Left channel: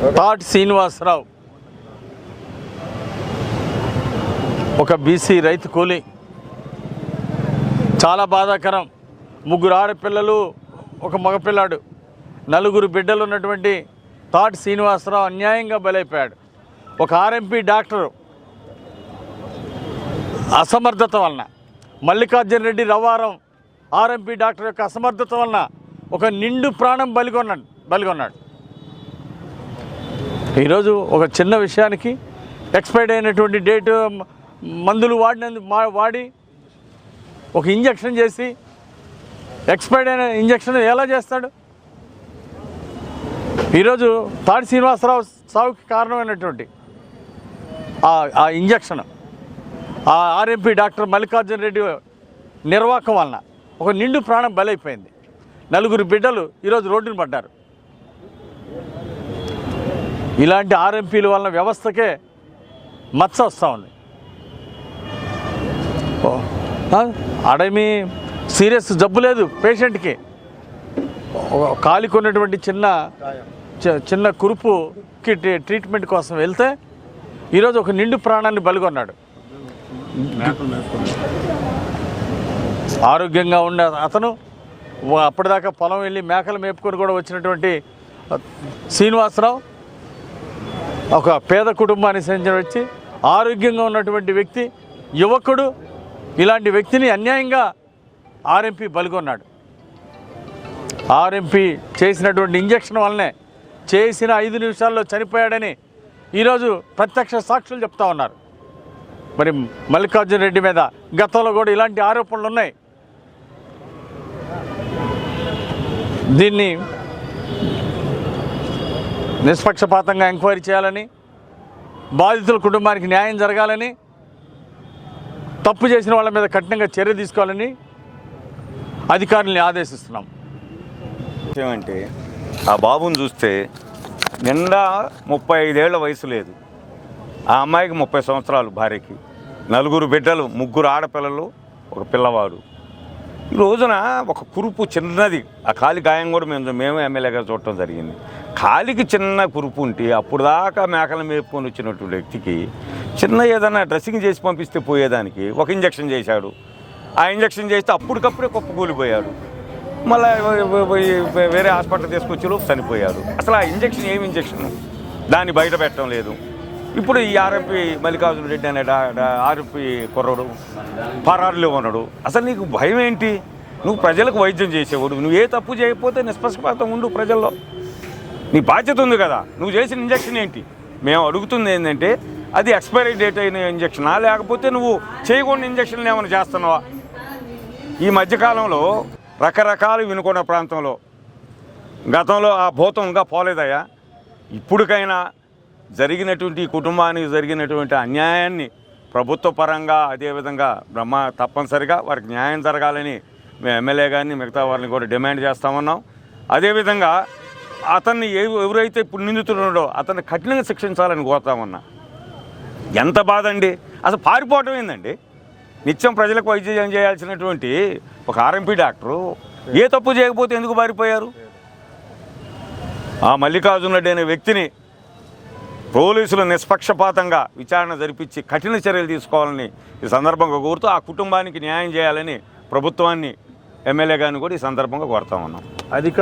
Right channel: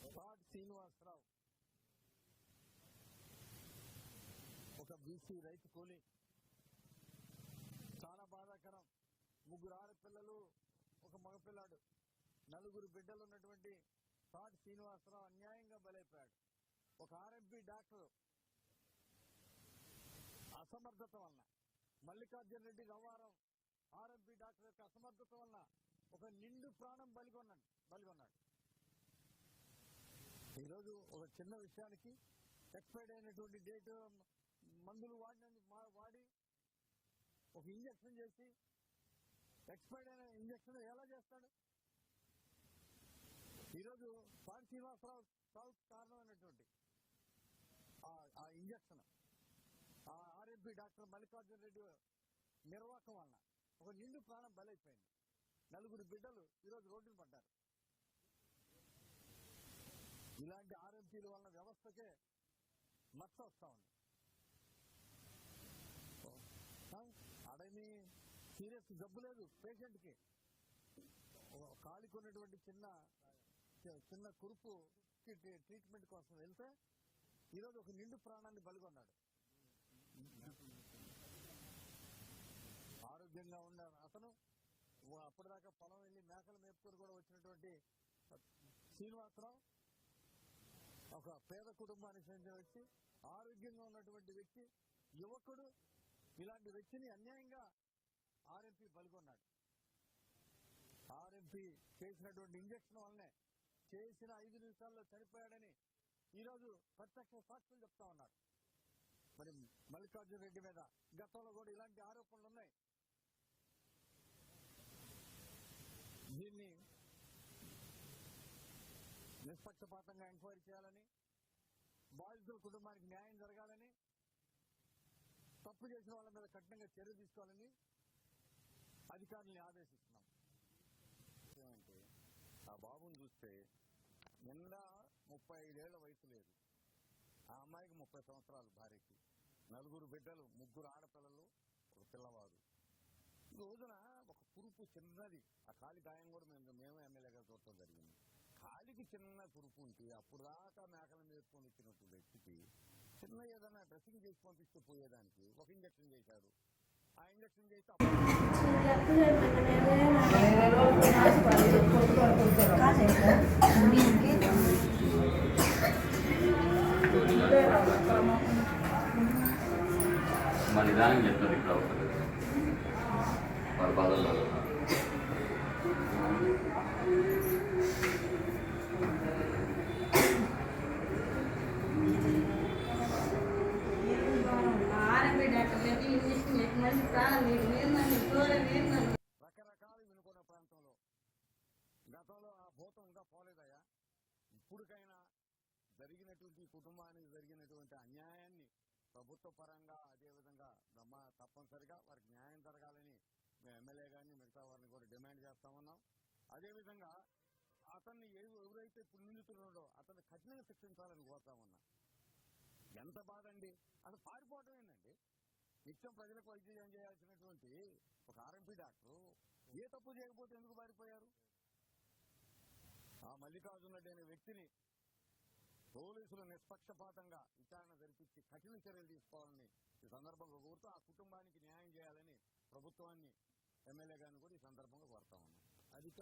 తాటి శ్రీనివాసరావు. ఒక బీసీ రైతు కూలి. చాలా బాధాకరం. ముగ్గురు ఆడపిల్లలు ఒక మగపిల్లాడు. నలుగురు బిడ్డలు ఉన్నటువంటి తాటి శ్రీనివాసరావు అన్యాయంగా బలైపోయాడు. ఒక ఆర్ఎంపీ డాక్టరు. అసమర్థత వలన. మల్లికార్జున రెడ్డి రవారం ఆర్ఎంపీ డాక్టర్ యొక్క అసమర్థత వలన ఒక నిండు ప్రాణం బలిగొన్నాడు బలిగొన్నాడు. ఈరోజు ఒక చిన్న విషయానికి ఎక్స్పైర్డ్ అయినటువంటి డేటు మందులు వాడినందు మా- వాడి ఒక ఇంజక్షన్ చేసి ఎక్స్పైర్డ్ అయిన ఇంజక్షన్ ఎలా చేస్తాడు? ఈరోజు తాడి శ్రీనివాసరావు సావుకి కారణమైనటువంటి ఆ- ఆ ఇంజక్షన్ ఆ ఆర్ఎంపీ డాక్టర్ మల్లికార్జున రెడ్డి నిర్వాహకం వలన ఒక నిండు ప్రాణం బలైపోయింది. నలుగురు బిడ్డలు ఈరోజు రోడ్డున పడ్డారు. ఇలాంటి ఆర్ఎంపీల వలన వ్యవస్థకే మచ్చ వస్తూ ఉంది. ఆడేమీ సీరియస్ జబ్బు లేదు పేషెంట్కి. ఒక కాలికి ఉన్నటువంటి చిన్న చిన్న కురుపుకి ట్రీ- ట్రీట్మెంట్ కోసం వెళ్తే ఈరోజు ఒక నిండు ప్రాణాన్ని బలిగొన్నాడు. ఆరోగ్యంగా ఉన్న అతను అప్పటిదాకా పొలం వెళ్ళి మేకలు మేపుకొని కూడా వచ్చినటువంటి శ్రీనివాసరావు ఒక పేద కుటుంబానికి చెందిన వచ్చి ఆరోగ్యంగా ఉన్నటువంటి వ్యక్తి యువకుడు ఇలాంటి వ్యక్తిని అన్యాయంగా ఆర్ఎంపీ బలిగొన్నాడు. ఆర్ఎంపీ చేసినటువంటి ఇంజక్షన్ వల్లనే చేసిన ఐదు నిమిషాల్లో చనిపోయాడని ఈరోజు ప్రత్యక్ష సాక్షులు చెప్తా ఉన్నారు. మరి మల్లికార్జున రెడ్డి మీద గతంలో కూడా ఇలాంటి ఆరోపణలు ఉన్నాయి దీన్ని నిష్పక్షపాతంగా ఎంక్వైరీ చేయాలని బాధితుల కుటుంబానికి న్యాయం జరగాలని తప్పు చేసిన వాళ్ళ మీద కఠినంగా చర్య తీసుకోవాలని అధికారుల్ని ఆదేశిస్తున్నాం. ఏమంటే ఆ బాబుని చూస్తే నిండా ముప్పై ఐదేళ్ళ వయసు లేదు. ఆ అమ్మాయికి ముప్పై సంవత్సరాలు భార్యకి. నలుగురు బిడ్డలు ముగ్గురు ఆడపిల్లలు ఒక పిల్లవాడు. ఈ రోజున ఒక కురుపు చిన్నది. ఆ కాలి గాయం కూడా మేము మేము ఎమ్మెల్యేగా చూడటం జరిగింది. కాలికి చిన్న కురుపు ఉంటే అప్పుడు దాకా మేకలు మేపుకొని వచ్చినటువంటి వ్యక్తికి చిన్న ఏదైనా డ్రెస్సింగ్ చేసి పంపిస్తే పోయేదానికి ఒక ఇంజక్షన్ చేశాడు. ఆ ఇంజక్షన్ చేస్తే అప్పటికప్పుడే కుక్క కూలిపోయాడు. మళ్ళీ వేరే హాస్పిటల్ తీసుకొచ్చి లోపు చనిపోయారు అసలు ఆ ఇంజక్షన్ ఏమి ఇంజక్షన్? దాన్ని బయట పెట్టడం లేదు. ఇప్పుడు ఈ ఆర్ఎంపీ మల్లికార్జున రెడ్డి అనే ఆర్ఎంపీ కుర్రడు పరారులో ఉన్నాడు. అసలు నీకు భయం ఏంటి? నువ్వు ప్రజలకు వైద్యం చేసేవాడు. నువ్వు ఏ తప్పు చేయకపోతే నిష్పక్షపాతం ఉండు ప్రజల్లో. నీ బాధ్యత ఉంది కదా. నువ్వు చేసిన ఇంజక్షన్ ఏంటి? మేము అడుగుతుంది ఏంటంటే అది ఎక్స్పైరీ డేట్ అయిన ఇంజక్షనా? లేకపోతే నువ్వు చేయకుండా ఇంజక్షన్లు ఏమైనా చేస్తున్నావా? ఈ మధ్యకాలంలో రకరకాలు వినుకున్న ప్రాంతంలో గతంలో ఆ భూతం ఇంకా పోలేదయ్యా. ఇప్పటికైనా జరిగినటువంటి ఈ కుటుంబానికి జరిగినటువంటి అన్యాయాన్ని ప్రభుత్వ పరంగా అదేవిధంగా బ్రహ్మ తప్పనిసరిగా వారికి న్యాయం జరగాలని మేము ఎమ్మెల్యే గారిని మిగతా వారిని కూడా డిమాండ్ చేస్తామన్నాం అదేవిధంగా అతన్ని ఎవ- ఎవరైతే ఇప్పుడు నిందితున్నాడో అతన్ని కఠినంగా శిక్షించాలని కోరుతామన్నా ఎంత బాధ అండి? అసలు పారిపోవటం ఏందండి? నిత్యం ప్రజలకు వైద్యం చేయాల్సినటువంటి ఒక ఆర్ఎంపీ డాక్టరు ఏ తప్పు చేయకపోతే ఎందుకు పారిపోయారు? ఆ మల్లికార్జున రెడ్డి అనే వ్యక్తిని పోలీసులు నిష్పక్షపాతంగా విచారణ జరిపించి కఠిన చర్యలు తీసుకోవాలని ఈ సందర్భంగా కోరుతూ ఆ కుటుంబానికి న్యాయం చేయాలని ప్రభుత్వాన్ని ఎమ్మెల్యే గారిని కూడా ఈ సందర్భంగా కోరుతా ఉన్నాం. అధికార